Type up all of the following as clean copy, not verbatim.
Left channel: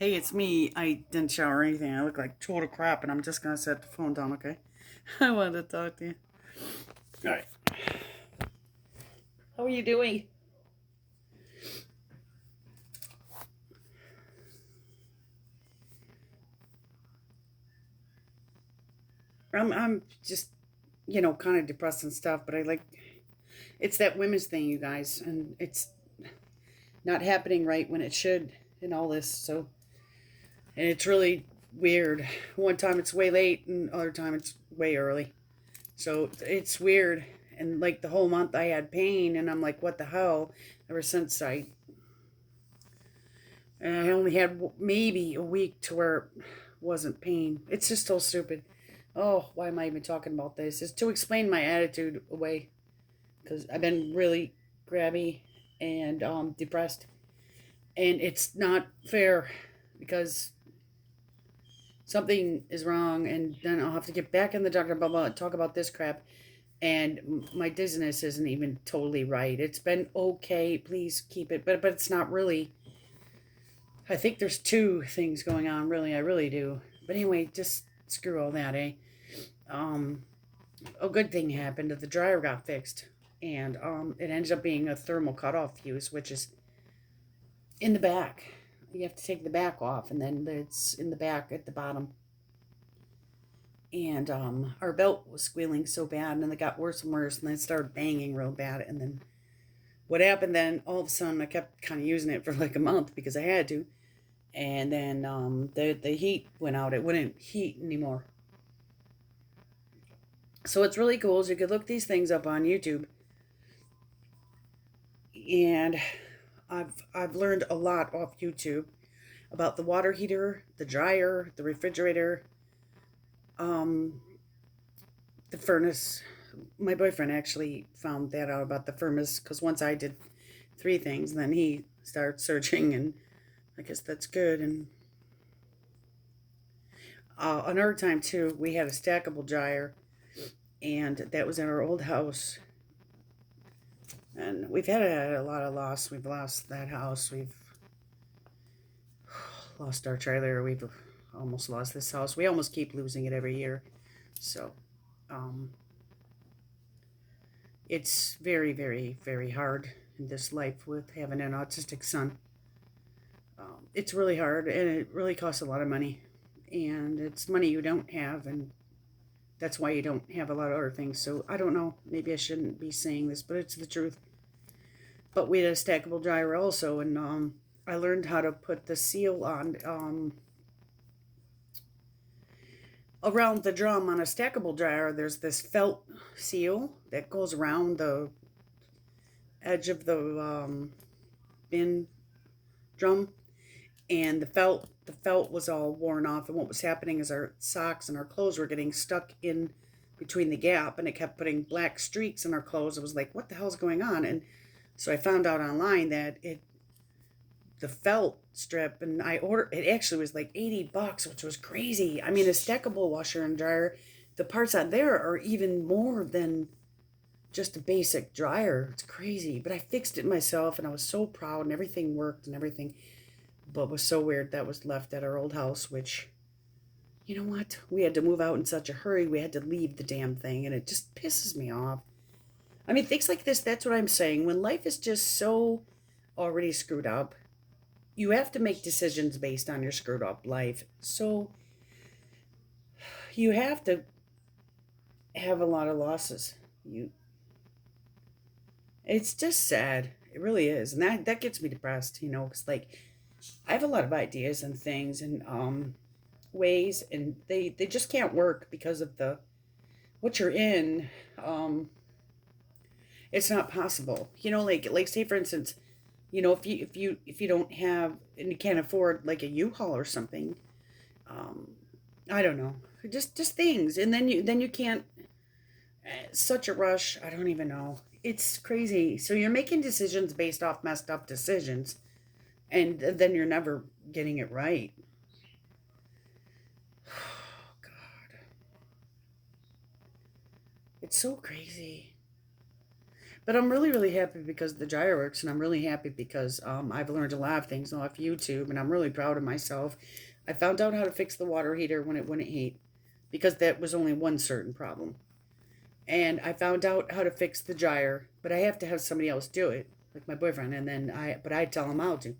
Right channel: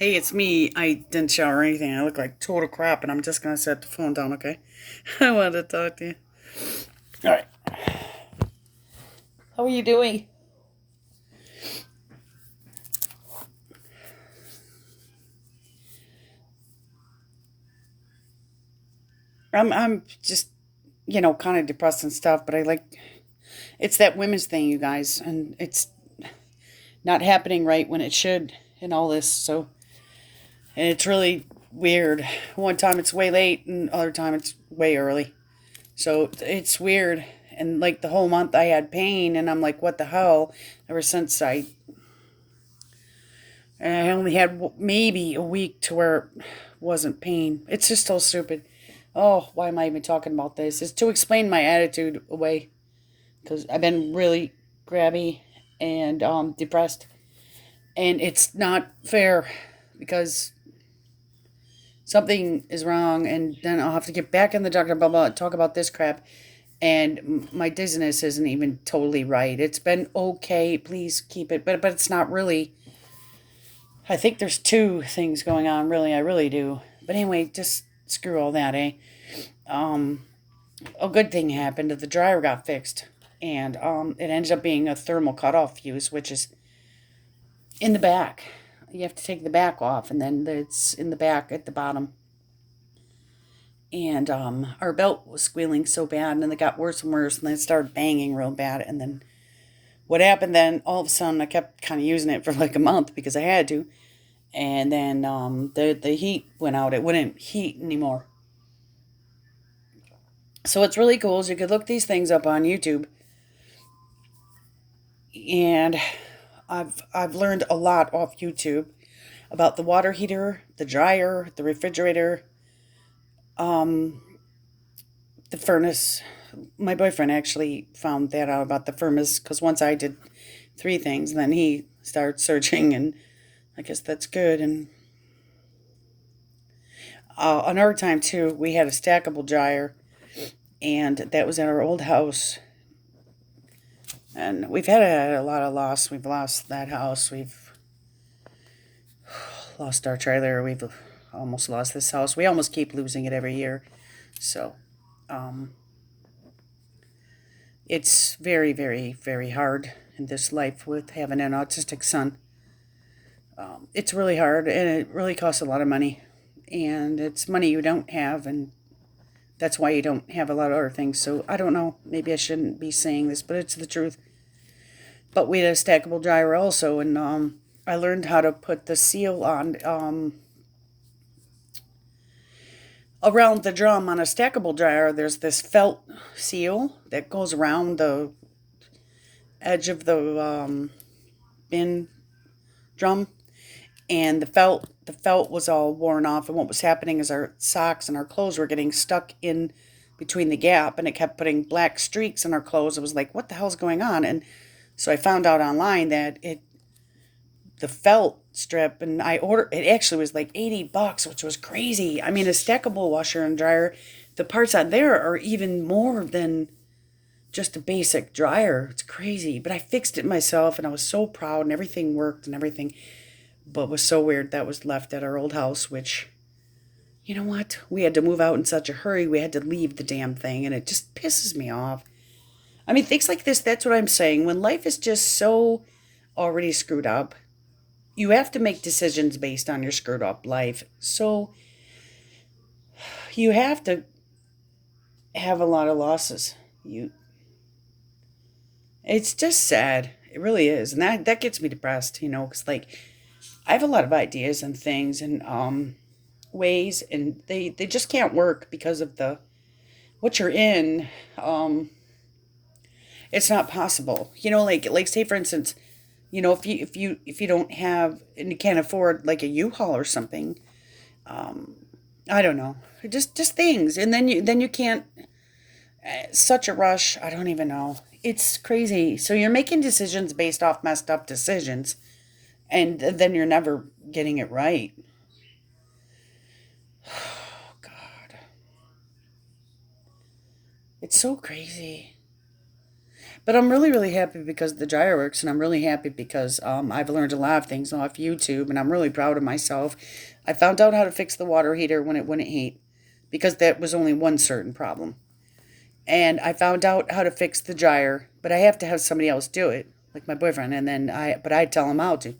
Hey, it's me. I didn't shower or anything. I look like total crap, and I'm just gonna set the phone down, okay? I wanted to talk to you. All right. How are you doing? I'm just, kind of depressed and stuff, but it's that women's thing, you guys, and it's not happening right when it should, and all this. So, and it's really weird. One time it's way late, and other time it's way early. So it's weird. And like the whole month I had pain, and I'm like, what the hell? Ever since I only had maybe a week to where it wasn't pain. It's just so stupid. Oh, why am I even talking about this? It's to explain my attitude away because I've been really grabby and depressed, and it's not fair because something is wrong, and then I'll have to get back in the doctor, blah blah, talk about this crap, and my dizziness isn't even totally right. It's been okay. Please keep it, but it's not really. I think there's two things going on, really. I really do. But anyway, just screw all that, eh? Um, a good thing happened. The dryer got fixed, and it ended up being a thermal cutoff fuse, which is in the back. You have to take the back off, and then it's in the back at the bottom. And our belt was squealing so bad, and then it got worse and worse, and then it started banging real bad. And then what happened then? All of a sudden, I kept kind of using it for like a month because I had to, and then the heat went out. It wouldn't heat anymore. So what's really cool is you could look these things up on YouTube, and I've learned a lot off YouTube about the water heater, the dryer, the refrigerator, um, the furnace. My boyfriend actually found that out about the furnace because once I did three things, and then he started searching, and I guess that's good. And another time too, we had a stackable dryer, and that was in our old house. And we've had a lot of loss. We've lost that house. We've lost our trailer. We've almost lost this house. We almost keep losing it every year. So um, it's very, very, very hard in this life with having an autistic son. It's really hard and it really costs a lot of money. And it's money you don't have. And that's why you don't have a lot of other things. So I don't know. Maybe I shouldn't be saying this, but it's the truth. But we had a stackable dryer also. And I learned how to put the seal on around the drum on a stackable dryer. There's this felt seal that goes around the edge of the bin drum, and the felt was all worn off. And what was happening is our socks and our clothes were getting stuck in between the gap, and it kept putting black streaks in our clothes. It was like, what the hell's going on? And so I found out online that the felt strip, and I ordered it. Actually was like $80, which was crazy. I mean, a stackable washer and dryer, the parts on there are even more than just a basic dryer. It's crazy, but I fixed it myself, and I was so proud, and everything worked and everything. But it was so weird that was left at our old house, which, you know what, we had to move out in such a hurry. We had to leave the damn thing, and it just pisses me off. I mean, things like this, that's what I'm saying. When life is just so already screwed up, you have to make decisions based on your screwed up life. So you have to have a lot of losses. You It's just sad. It really is. And that gets me depressed, cuz like I have a lot of ideas and things and ways, and they just can't work because of the what you're in. Um it's not possible. Like say for instance, if you don't have and you can't afford like a U-Haul or something, um I don't know. Just things. And then you can't such a rush. I don't even know. It's crazy. So you're making decisions based off messed up decisions, and then you're never getting it right. Oh God, it's so crazy. But I'm really, really happy because the dryer works, and I'm really happy because I've learned a lot of things off YouTube, and I'm really proud of myself. I found out how to fix the water heater when it wouldn't heat, because that was only one certain problem. And I found out how to fix the dryer, but I have to have somebody else do it, like my boyfriend, and then but I tell him how to.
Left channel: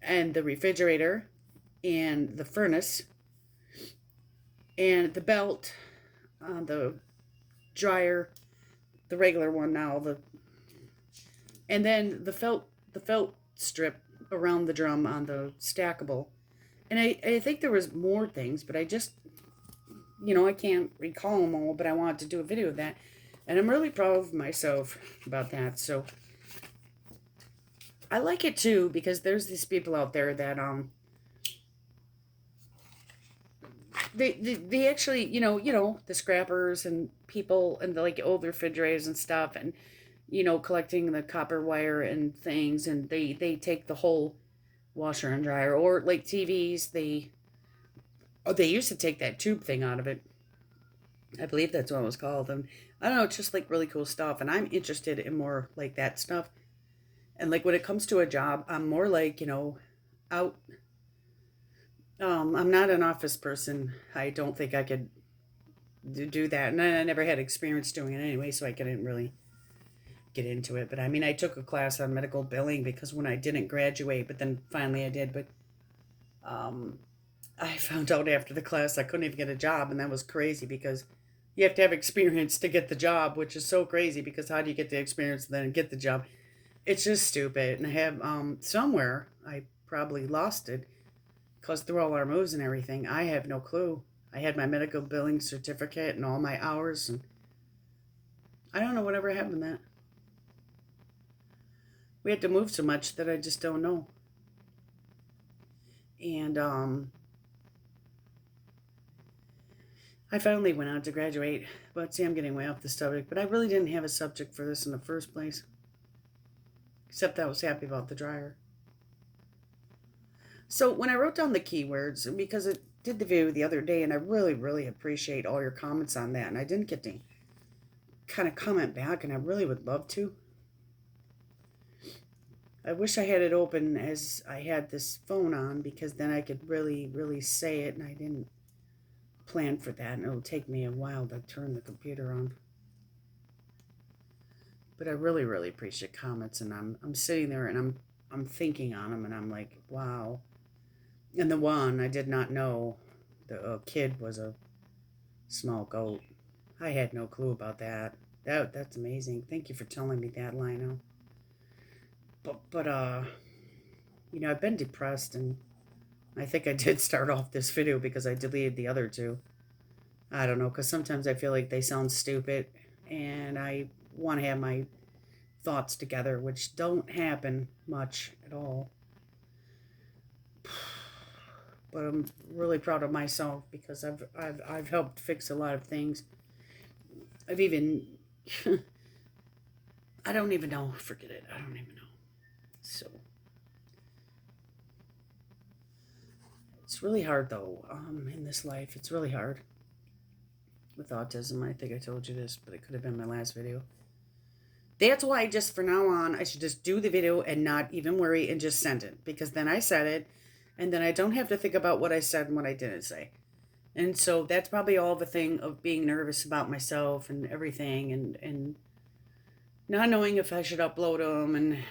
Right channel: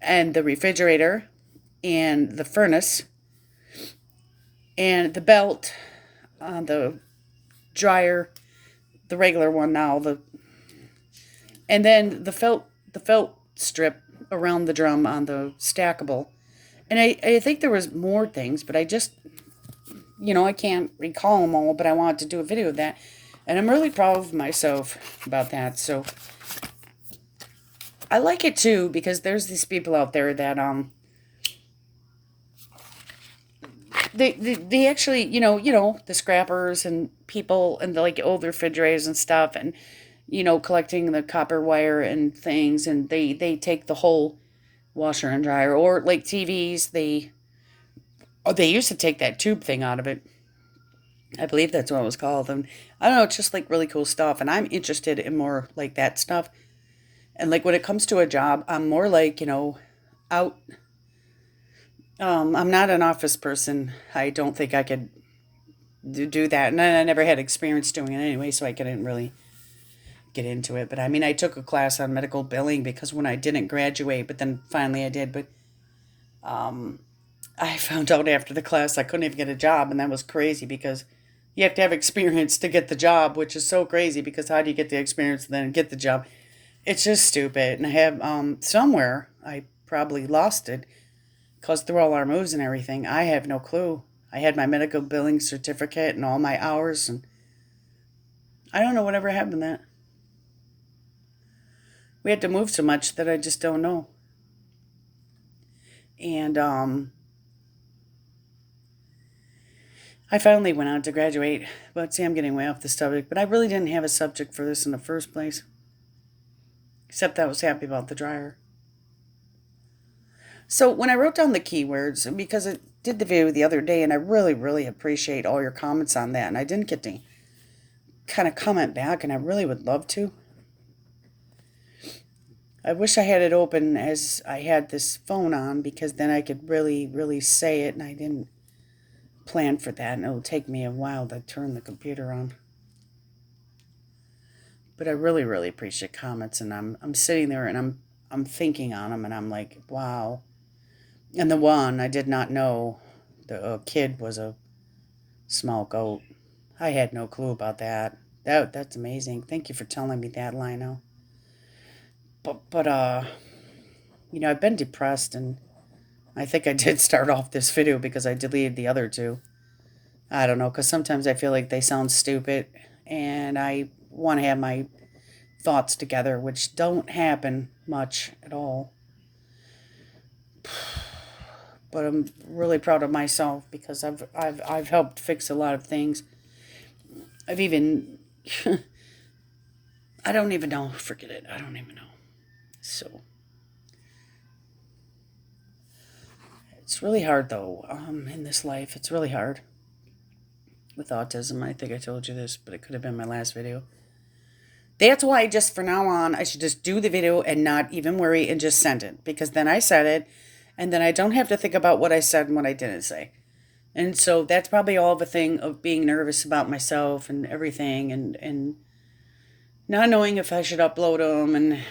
And the refrigerator, and the furnace, and the belt on the dryer, the regular one now, and then the felt strip around the drum on the stackable. And I think there was more things, but I just, I can't recall them all, but I wanted to do a video of that. And I'm really proud of myself about that. So I like it too, because there's these people out there that they actually, the scrappers and people and the like old refrigerators and stuff, and collecting the copper wire and things, and they take the whole washer and dryer, or like TVs, they used to take that tube thing out of it. I believe that's what it was called. And I don't know, it's just like really cool stuff, and I'm interested in more like that stuff. And like when it comes to a job, I'm more like, out. I'm not an office person. I don't think I could do that, and I never had experience doing it anyway, so I couldn't really get into it. But I mean, I took a class on medical billing because when I didn't graduate, but then finally I did. But um, I found out after the class I couldn't even get a job, and that was crazy because you have to have experience to get the job, which is so crazy because how do you get the experience and then get the job? It's just stupid. And I have somewhere I probably lost it because through all our moves and everything, I have no clue. I had my medical billing certificate and all my hours, and I don't know whatever happened to that. We had to move so much that I just don't know. And I finally went on to graduate. But see, I'm getting way off the subject. But I really didn't have a subject for this in the first place. Except that I was happy about the dryer. So when I wrote down the keywords, because I did the video the other day, and I really, really appreciate all your comments on that. And I didn't get to kind of comment back, and I really would love to. I wish I had it open as I had this phone on, because then I could really, really say it, and I didn't plan for that, and it'll take me a while to turn the computer on. But I really, really appreciate comments, and I'm sitting there and I'm thinking on them, and I'm like, wow. And the one I did not know, the kid was a small goat. I had no clue about that. That's amazing. Thank you for telling me that, Lino. But I've been depressed, and I think I did start off this video because I deleted the other two. I don't know, because sometimes I feel like they sound stupid, and I want to have my thoughts together, which don't happen much at all. But I'm really proud of myself because I've helped fix a lot of things. I've even I don't even know. Forget it. I don't even know. So it's really hard though. In this life, it's really hard with autism. I think I told you this, but it could have been my last video. That's why just for now on, I should just do the video and not even worry and just send it, because then I said it, and then I don't have to think about what I said and what I didn't say. And so that's probably all of a thing of being nervous about myself and everything, and not knowing if I should upload them, and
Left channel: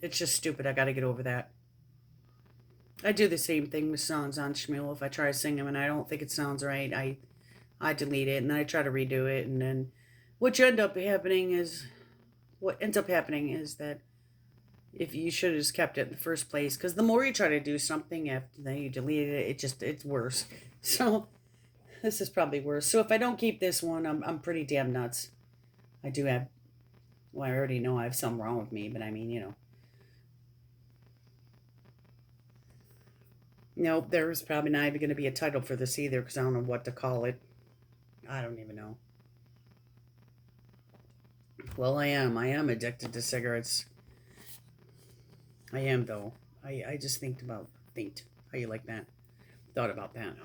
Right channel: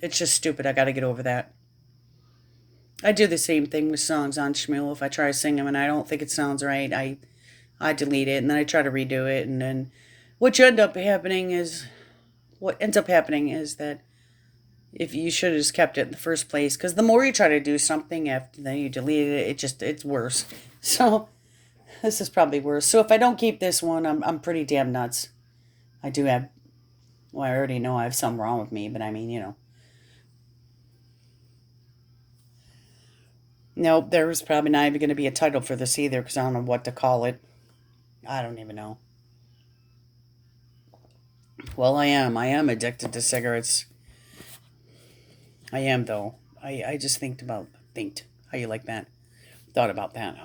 it's just stupid. I got to get over that. I do the same thing with songs on Shmuel. If I try to sing them and I don't think it sounds right, I delete it, and then I try to redo it, and then what ends up happening is that if you should have just kept it in the first place, because the more you try to do something after then you delete it, it's worse. So this is probably worse. So if I don't keep this one, I'm pretty damn nuts. I do have, well, I already know I have something wrong with me, but I mean. Nope, there's probably not even going to be a title for this either, because I don't know what to call it. I don't even know. Well, I am. I am addicted to cigarettes. I am, though. I just think, how you like that? Thought about that.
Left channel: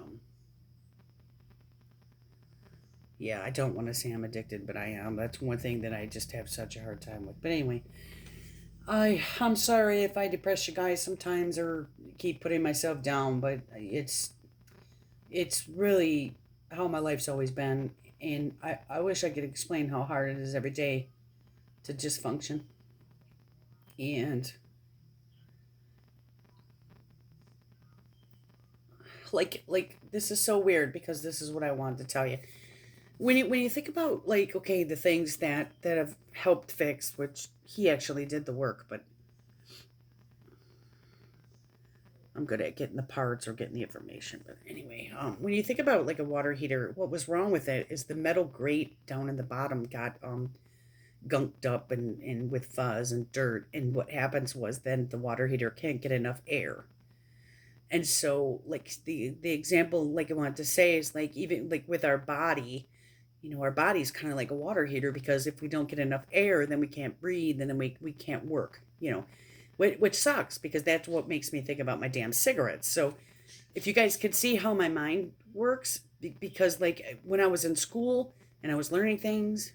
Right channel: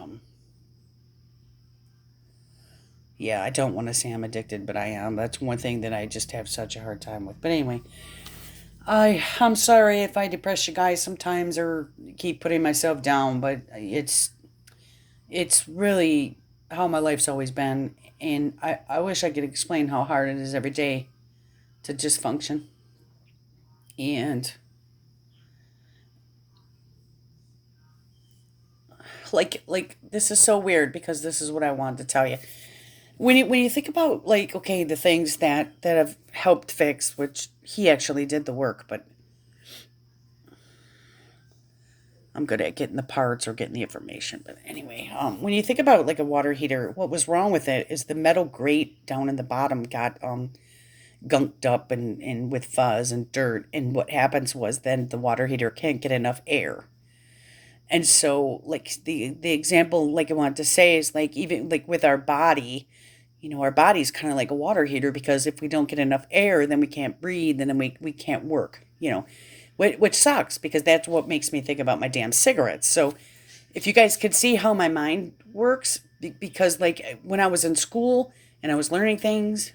Yeah, I don't want to say I'm addicted, but I am. That's one thing that I just have such a hard time with. But anyway, I'm sorry if I depress you guys sometimes or keep putting myself down, but it's really how my life's always been, and I wish I could explain how hard it is every day to just function. And like this is so weird because this is what I wanted to tell you. When you think about like okay the things that have helped fix, which he actually did the work, but I'm good at getting the parts or getting the information. But anyway, when you think about like a water heater, what was wrong with it is the metal grate down in the bottom got gunked up and with fuzz and dirt. And what happens was then the water heater can't get enough air. And so like the example like I wanted to say is like even like with our body, our body's kind of like a water heater because if we don't get enough air, then we can't breathe and then we can't work, which sucks because that's what makes me think about my damn cigarettes. So if you guys could see how my mind works, because like when I was in school and I was learning things,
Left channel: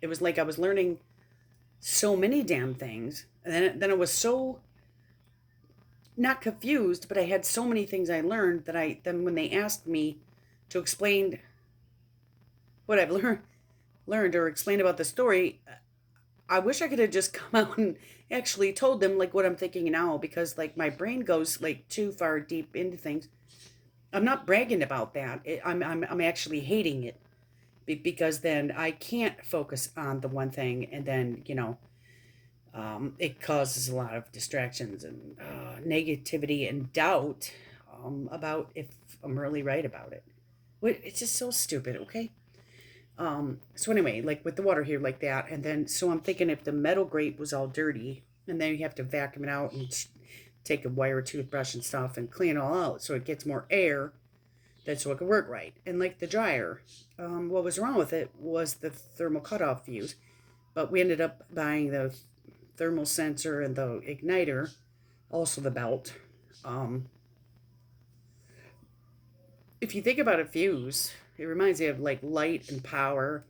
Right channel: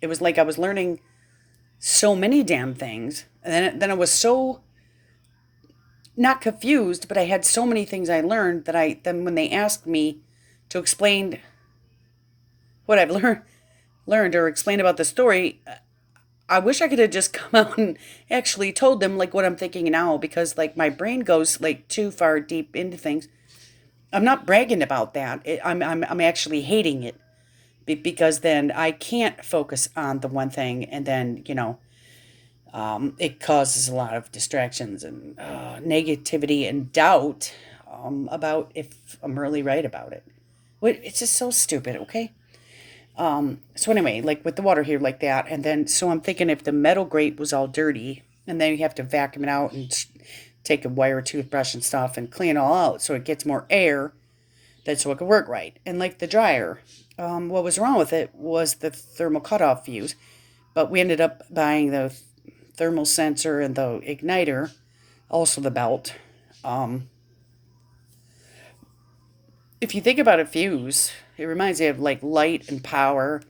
it was like I was learning so many damn things. And then I was so not confused, but I had so many things I learned that then when they asked me to explain what I've learned or explain about the story, I wish I could have just come out and actually told them like what I'm thinking now because like my brain goes like too far deep into things. I'm not bragging about that. I'm actually hating it because then I can't focus on the one thing and then it causes a lot of distractions and negativity and doubt about if I'm really right about it. It's just so stupid. Okay. So anyway, like with the water here like that, and then so I'm thinking if the metal grate was all dirty, and then you have to vacuum it out and take a wire toothbrush and stuff and clean it all out so it gets more air, that's so it can work right. And like the dryer, what was wrong with it was the thermal cutoff fuse, but we ended up buying the thermal sensor and the igniter, also the belt. Um, if you think about a fuse, it reminds me of like light and power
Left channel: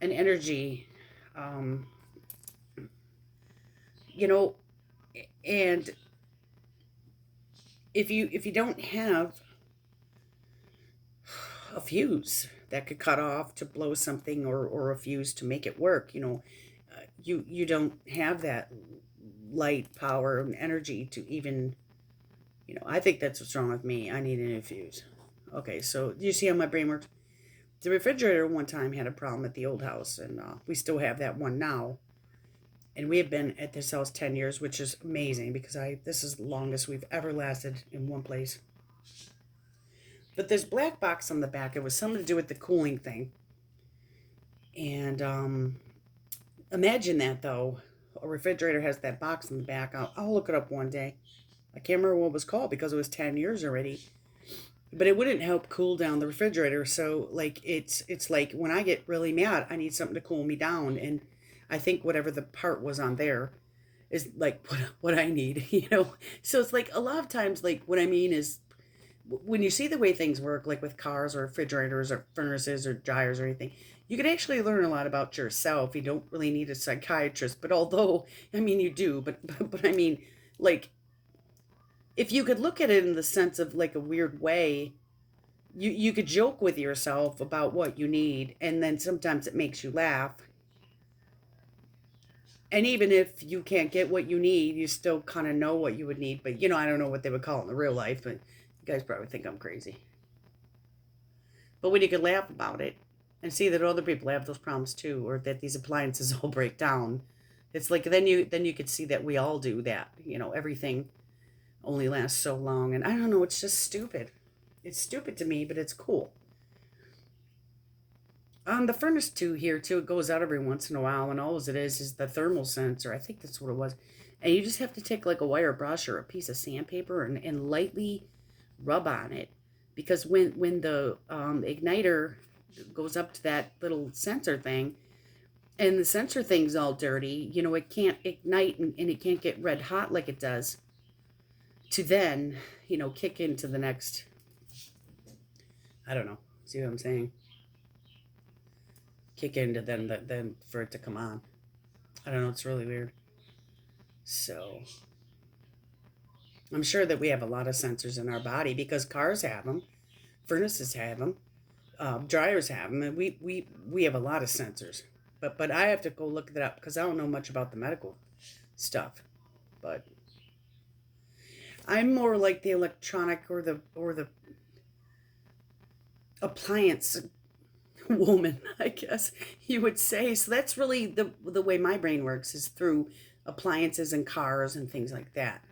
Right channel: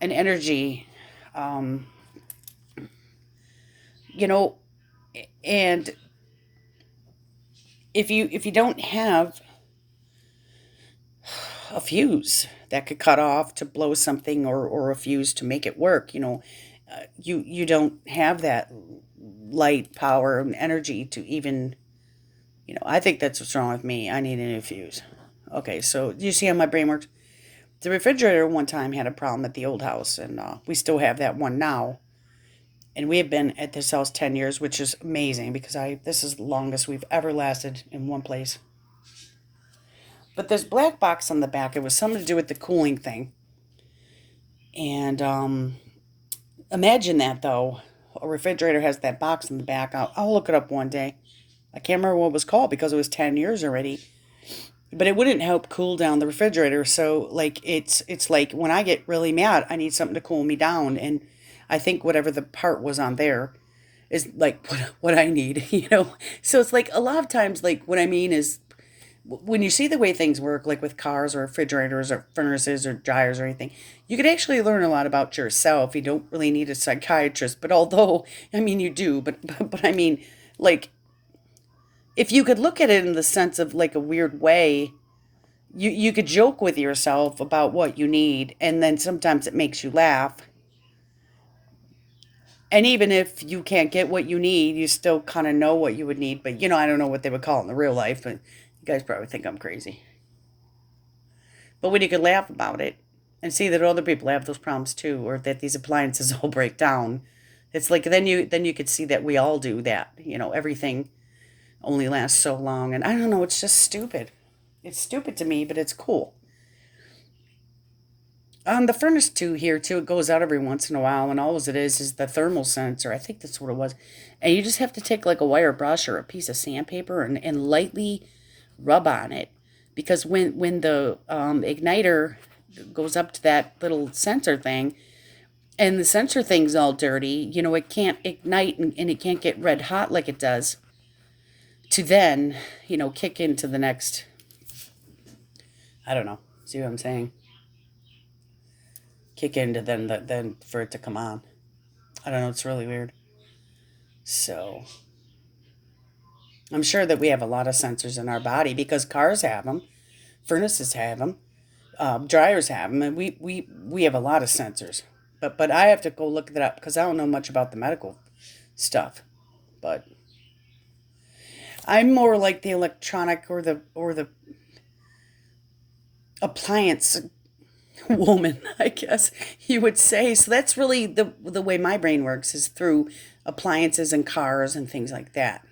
and energy. Um, you know, and if you don't have a fuse that could cut off to blow something or a fuse to make it work, you don't have that light, power, and energy to even, I think that's what's wrong with me. I need a new fuse. Okay, so do you see how my brain works? The refrigerator one time had a problem at the old house, and we still have that one now. And we have been at this house 10 years, which is amazing because this is the longest we've ever lasted in one place. But this black box on the back, it was something to do with the cooling thing. And imagine that though. A refrigerator has that box in the back. I'll look it up one day. I can't remember what it was called because it was 10 years already. But it wouldn't help cool down the refrigerator. So like it's like when I get really mad, I need something to cool me down. And I think whatever the part was on there is like what I need. So it's like a lot of times like what I mean is when you see the way things work, like with cars or refrigerators or furnaces or dryers or anything, you could actually learn a lot about yourself. You don't really need a psychiatrist, but although, I mean, you do, but I mean, like, if you could look at it in the sense of like a weird way, you could joke with yourself about what you need, and then sometimes it makes you laugh. And even if you can't get what you need, you still kind of know what you would need. But, I don't know what they would call it in the real life, but you guys probably think I'm crazy. But when you could laugh about it and see that other people have those problems too, or that these appliances all break down, it's like then you could see that we all do that. Everything only lasts so long, and I don't know. It's just stupid. It's stupid to me, but it's cool. The furnace too here too, it goes out every once in a while, and all it is the thermal sensor. I think that's what it was, and you just have to take like a wire brush or a piece of sandpaper and lightly rub on it, because when the igniter goes up to that little sensor thing, and the sensor thing's all dirty, it can't ignite and it can't get red hot like it does to then kick into the next. I don't know. See what I'm saying? kick in to then for it to come on. I don't know. It's really weird. So I'm sure that we have a lot of sensors in our body because cars have them, furnaces have them, dryers have them, and we have a lot of sensors. But I have to go look that up because I don't know much about the medical stuff. But I'm more like the electronic or the appliance woman, I guess you would say. So that's really the way my brain works is through appliances and cars and things like that.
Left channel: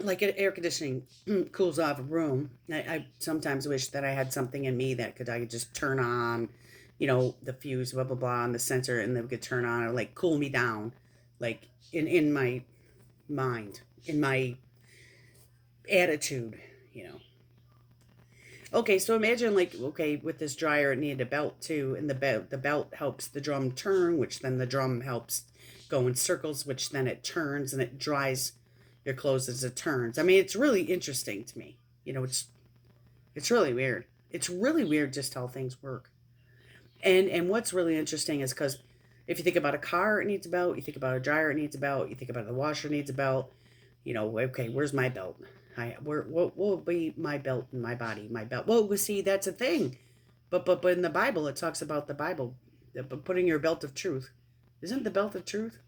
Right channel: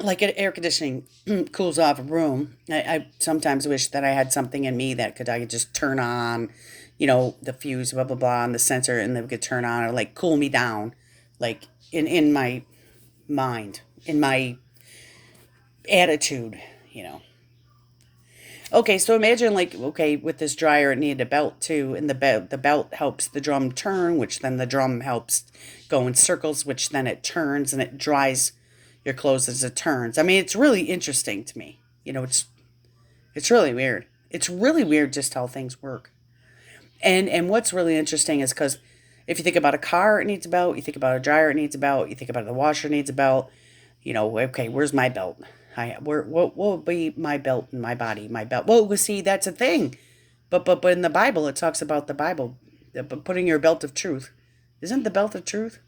Like air conditioning cools off a room. I sometimes wish that I had something in me that I could just turn on, the fuse, blah blah blah, and the sensor, and then we could turn on or like cool me down, like in my mind, in my attitude, you know. Okay, so imagine like okay, with this dryer it needed a belt too, and the belt helps the drum turn, which then the drum helps go in circles, which then it turns and it dries your clothes as it turns. I mean, it's really interesting to me. It's really weird. It's really weird just how things work. And what's really interesting is because if you think about a car, it needs a belt. You think about a dryer, it needs a belt. You think about the washer, it needs a belt. Okay, where's my belt? What will be my belt in my body? My belt. Well, see, that's a thing. But in the Bible, it talks about the Bible, putting your belt of truth. Isn't the belt of truth?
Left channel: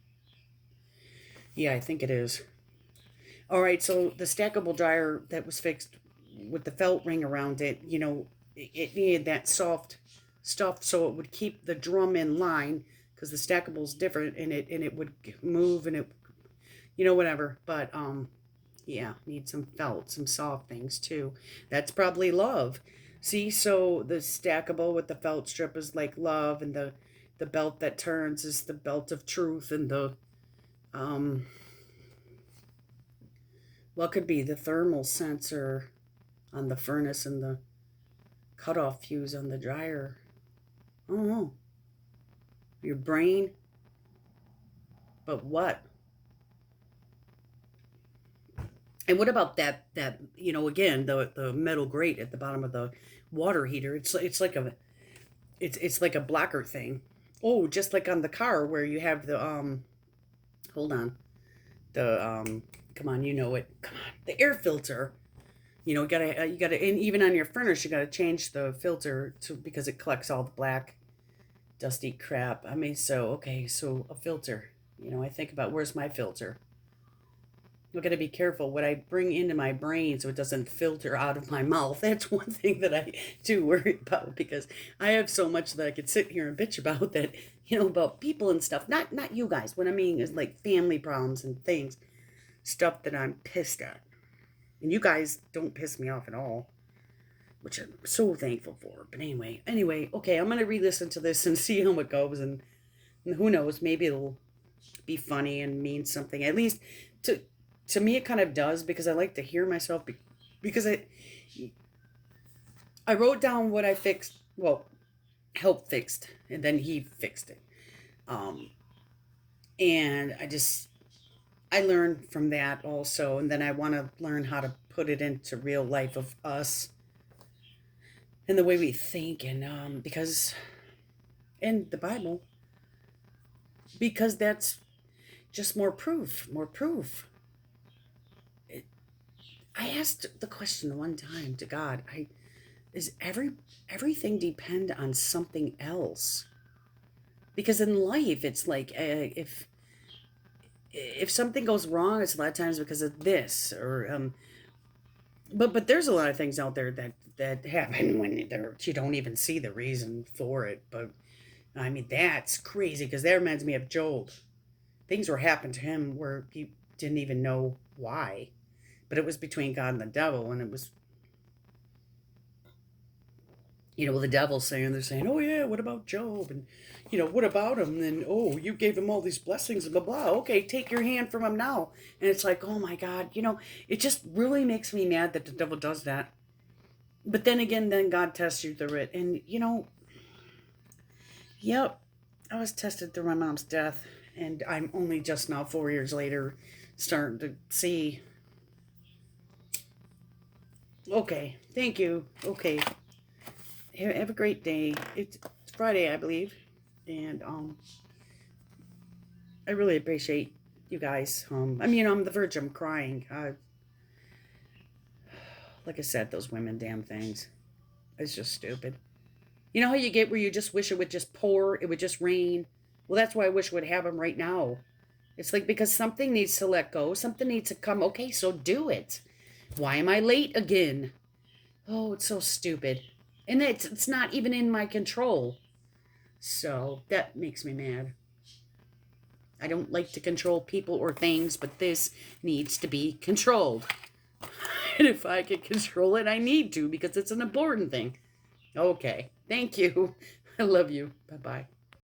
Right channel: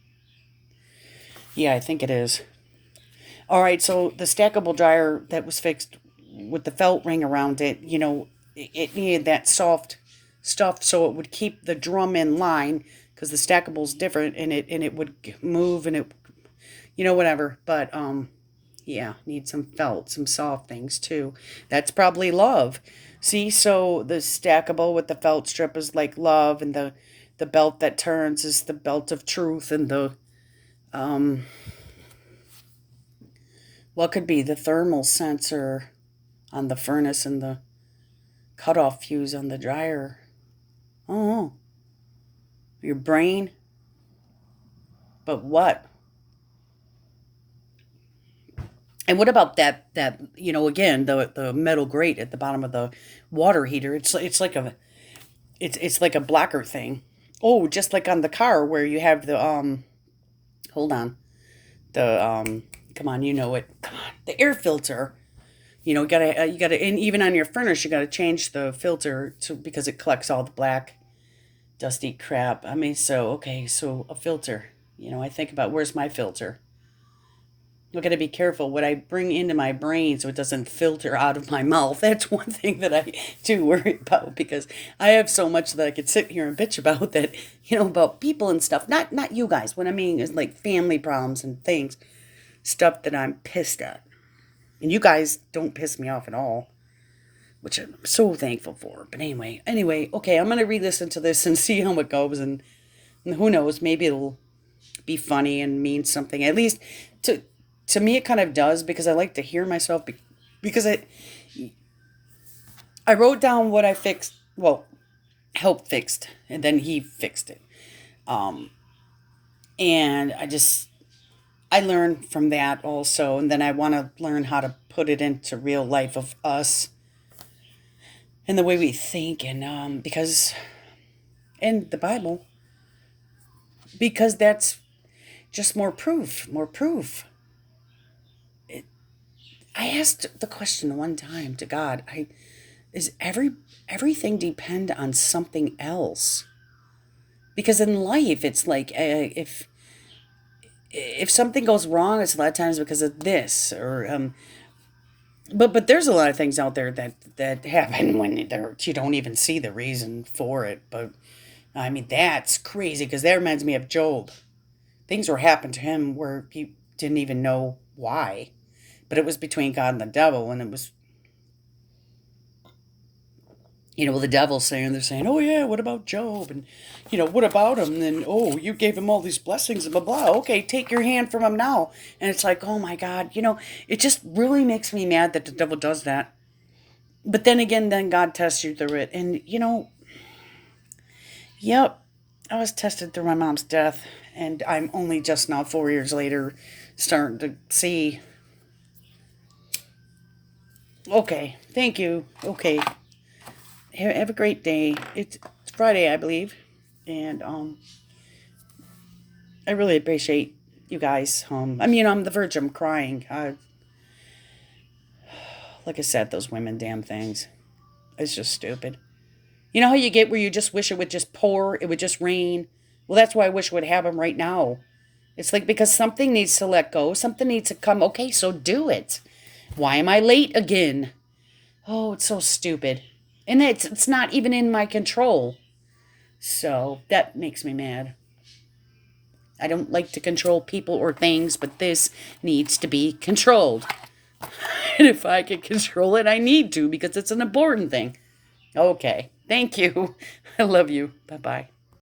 Yeah, I think it is. All right, so the stackable dryer that was fixed with the felt ring around it, it needed that soft stuff so it would keep the drum in line because the stackable's different and it would move and it, whatever. But yeah, need some felt, some soft things too. That's probably love. See, so the stackable with the felt strip is like love, and the belt that turns is the belt of truth, and the um what could be the thermal sensor on the furnace and the cutoff fuse on the dryer. Oh, your brain. But what? And what about that again the metal grate at the bottom of the water heater? It's like a blocker thing. Oh, just like on the car where you have the hold on. The come on, you know it. Come on. The air filter. You gotta and even on your furnace you gotta change the filter to because it collects all the black dusty crap. I mean, so okay, so a filter. I think about where's my filter. I got to be careful what I bring into my brain so it doesn't filter out of my mouth. That's one thing that I do worry about because I have so much that I could sit here and bitch about that, about people and stuff. Not you guys. What I mean is like family problems and things, stuff that I'm pissed at. And you guys don't piss me off at all, which I'm so thankful for. But anyway, okay, I'm gonna re-listen to this and see how it goes, and who knows, maybe it'll be funny and mean something. At least to to me it kind of does because I like to hear myself because I wrote down what I fixed, well, help fixed, and then he fixed it. Um and I learned from that also, and then I want to learn how to put it into real life of us and the way we think, and because in the Bible, because that's just more proof. It, I asked the question one time to God. Is everything depend on something else? Because in life, it's like if something goes wrong, it's a lot of times because of this or but there's a lot of things out there that happen when you don't even see the reason for it. But I mean that's crazy because that reminds me of Job. Things were happening to him where he didn't even know why, but it was between God and the devil, and it was the devil saying they're saying, oh yeah, what about Job, and what about him? And then oh, you gave him all these blessings and blah blah. Okay, take your hand from him now, and it's like oh my God, it just really makes me mad that the devil does that. But then again, then God tests you through it, and yep, I was tested through my mom's death, and I'm only just now 4 years later starting to see. Okay, thank you. Okay, Have a great day. It's Friday, I believe, and I really appreciate you guys. I mean, I'm the verge. I'm crying. Like I said, those women, damn things. It's just stupid. You know how you get where you just wish it would just pour, it would just rain? Well, that's why I wish it would happen right now. It's like because something needs to let go, something needs to come. Okay, so do it. Why am I late again? Oh, it's so stupid. And it's not even in my control. So that makes me mad. I don't like to control people or things, but this needs to be controlled. And if I can control it, I need to because it's an important thing. Okay. Thank you. I love you. Bye bye.